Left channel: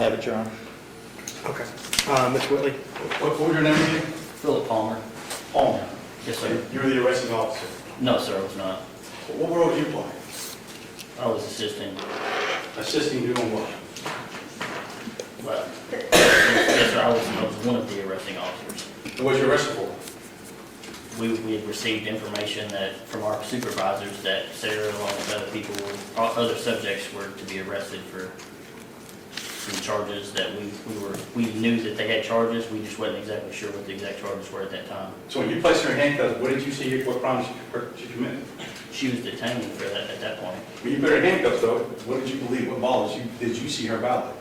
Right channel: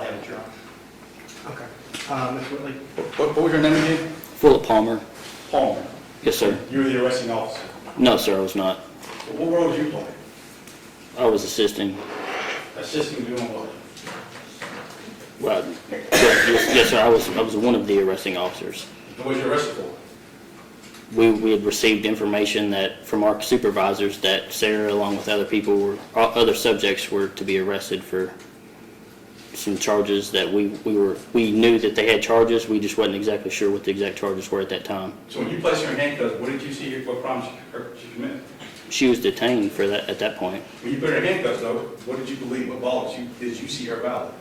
Have it, Your Honor. Okay. Mr. Whitley? What was your name again? Philip Palmer. Palmer. Yes, sir. You were the arresting officer. No, sir, I was not. What role did you play? I was assisting. Assisting doing what? Right. Yes, sir, I was one of the arresting officers. What was you arrested for? We had received information that from our supervisors that Sarah, along with other people, other subjects, were to be arrested for some charges that we knew that they had charges. We just wasn't exactly sure what the exact charges were at that time. So when you placed her in handcuffs, what did you see, what crimes she committed? She was detained for that at that point. When you put her in handcuffs, though, what did you believe, what law did you see her violate?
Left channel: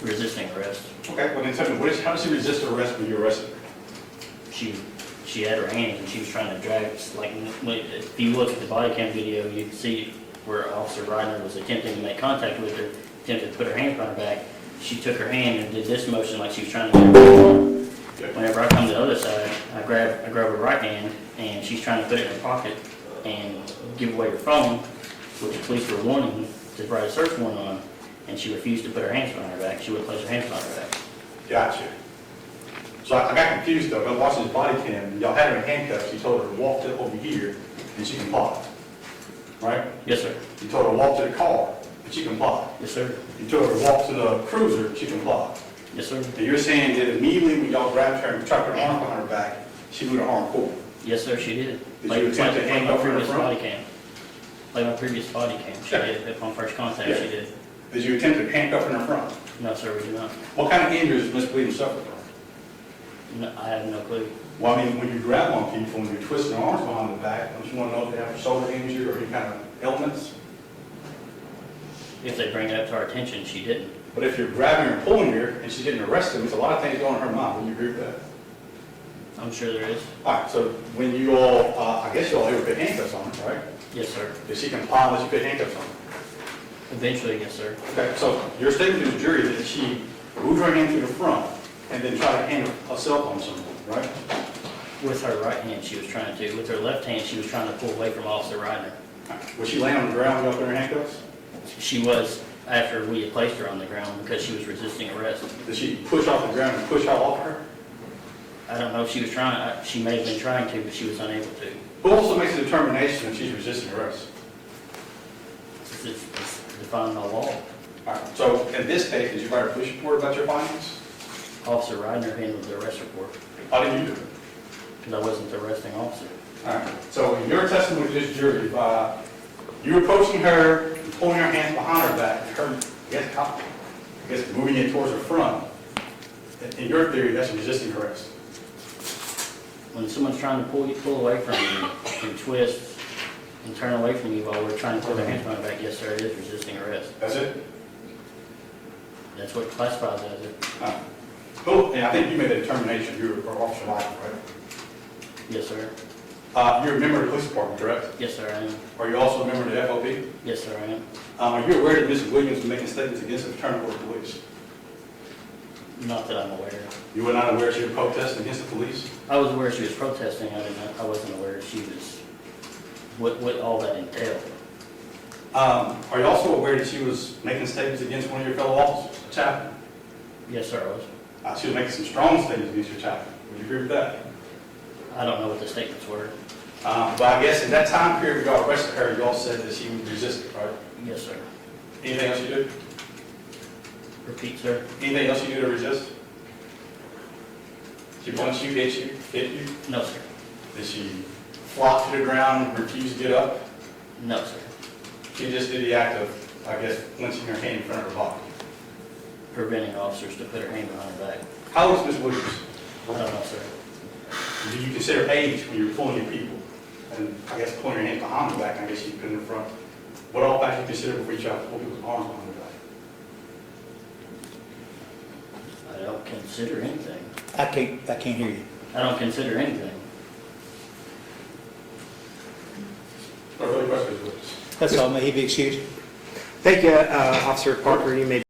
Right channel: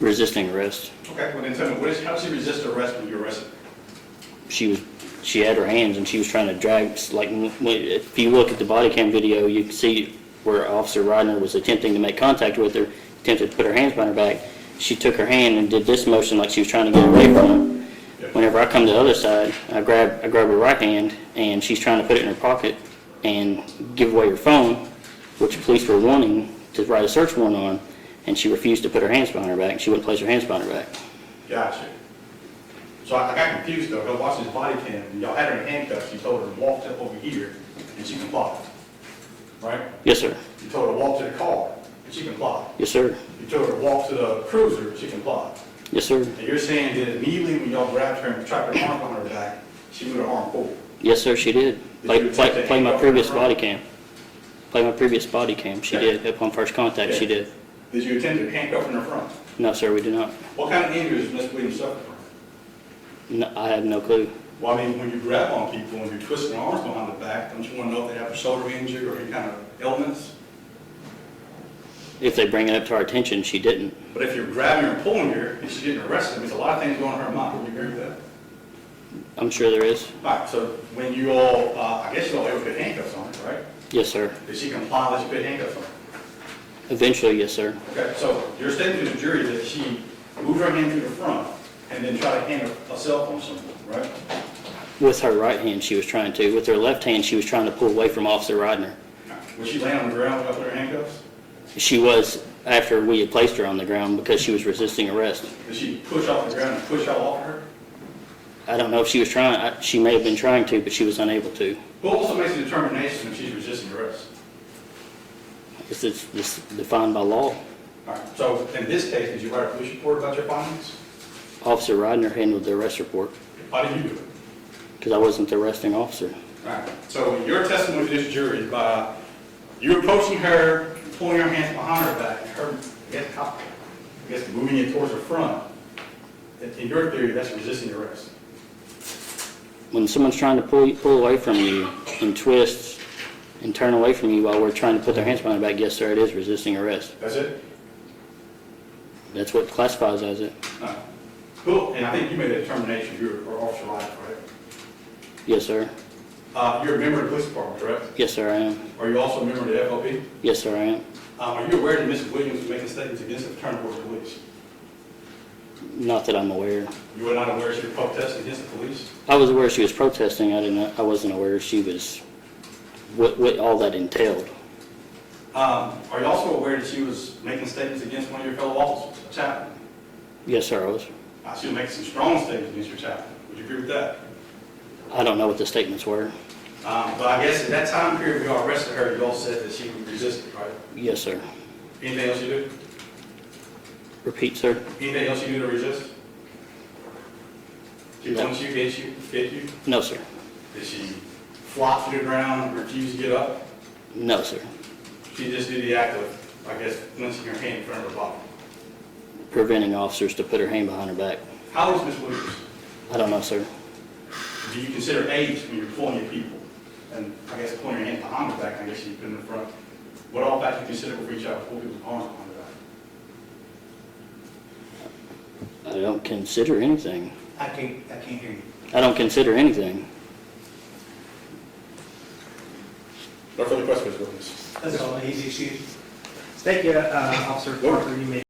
Resisting arrest. Okay, well then tell me, how did she resist arrest when you arrested her? She had her hands and she was trying to drag, like, if you look at the body cam video, you can see where Officer Ryder was attempting to make contact with her, attempted to put her hands behind her back. She took her hand and did this motion like she was trying to get away from her. Whenever I come to the other side, I grab her right hand and she's trying to put it in her pocket and give away her phone, which the police were wanting to write a search warrant on, and she refused to put her hands behind her back. She wouldn't place her hands behind her back. Gotcha. So I got confused though. I watched this body cam. Y'all had her in handcuffs. You told her to walk to over here and she complied. Right? Yes, sir. You told her to walk to the car and she complied. Yes, sir. You told her to walk to the cruiser and she complied. Yes, sir. And you're saying that immediately when y'all grabbed her and trapped her arm behind her back, she moved her arm forward. Yes, sir, she did. Play my previous body cam. Play my previous body cam. She did. Upon first contact, she did. Did you attempt to handcuff her in her front? No, sir, we did not. What kind of injuries does Miss Williams suffer from? No, I have no clue. Well, I mean, when you grab on people and you're twisting their arms behind the back, don't you want to know if they have a shoulder injury or any kind of ailments? If they bring it up to our attention, she didn't. But if you're grabbing her, pulling her, and she's getting arrested, there's a lot of things going on in her mind. Do you agree with that? I'm sure there is. All right, so when you all, I guess you all ever put handcuffs on her, right? Yes, sir. Did she comply that you put handcuffs on her? Eventually, yes, sir. Okay, so your statement to the jury that she moved her hand to the front and then tried to hand a cell phone to someone, right? With her right hand, she was trying to. With her left hand, she was trying to pull away from Officer Ryder. Was she laying on the ground without her handcuffs? She was, after we had placed her on the ground, because she was resisting arrest. Did she push off the ground and push out off her? I don't know if she was trying. She may have been trying to, but she was unable to. Who also makes a determination if she's resisting arrest? This is defined by law. All right, so in this case, did you write a police report about your findings? Officer Ryder handled the arrest report How did you do it? because I wasn't the arresting officer. All right, so in your testimony to this jury, you were approaching her, pulling her hands behind her back, her, I guess moving it towards her front. In your theory, that's resisting arrest. When someone's trying to pull away from you and twist and turn away from you while we're trying to put their hands behind their back, yes, sir, it is resisting arrest. That's it? That's what classifies as it. All right. Cool, and I think you made a determination, you were Officer Ryder, right? Yes, sir. You're a member of the police department, correct? Yes, sir, I am. Are you also a member of the FOP? Yes, sir, I am. Are you aware that Mrs. Williams was making statements against the Fraternal Order of Police? Not that I'm aware. You were not aware she was protesting against the police? I was aware she was protesting. I wasn't aware she was, what all that entailed. Are you also aware that she was making statements against one of your fellow officers, a chaplain? Yes, sir, I was. She was making some strong statements against your chaplain. Would you agree with that? I don't know what the statements were. But I guess in that time period when y'all arrested her, you all said that she resisted, right? Yes, sir. Anything else you did? Repeat, sir. Anything else you did to resist? She punched you, hit you? No, sir. Did she flop to the ground and refuse to get up? No, sir. She just did the act of, I guess, clenching her hand in front of her body. Preventing officers to put her hand behind her back. How old is Ms. Williams? I don't know, sir. Do you consider age when you're pulling your people? And I guess pulling your hands behind the back, I guess you put in the front. What all factors you consider will reach out to pull people's arms behind the back? I don't consider anything. I can't hear you. I don't consider anything. No further questions, witness. That's all. May he be excused. Thank you, Officer Parker. You may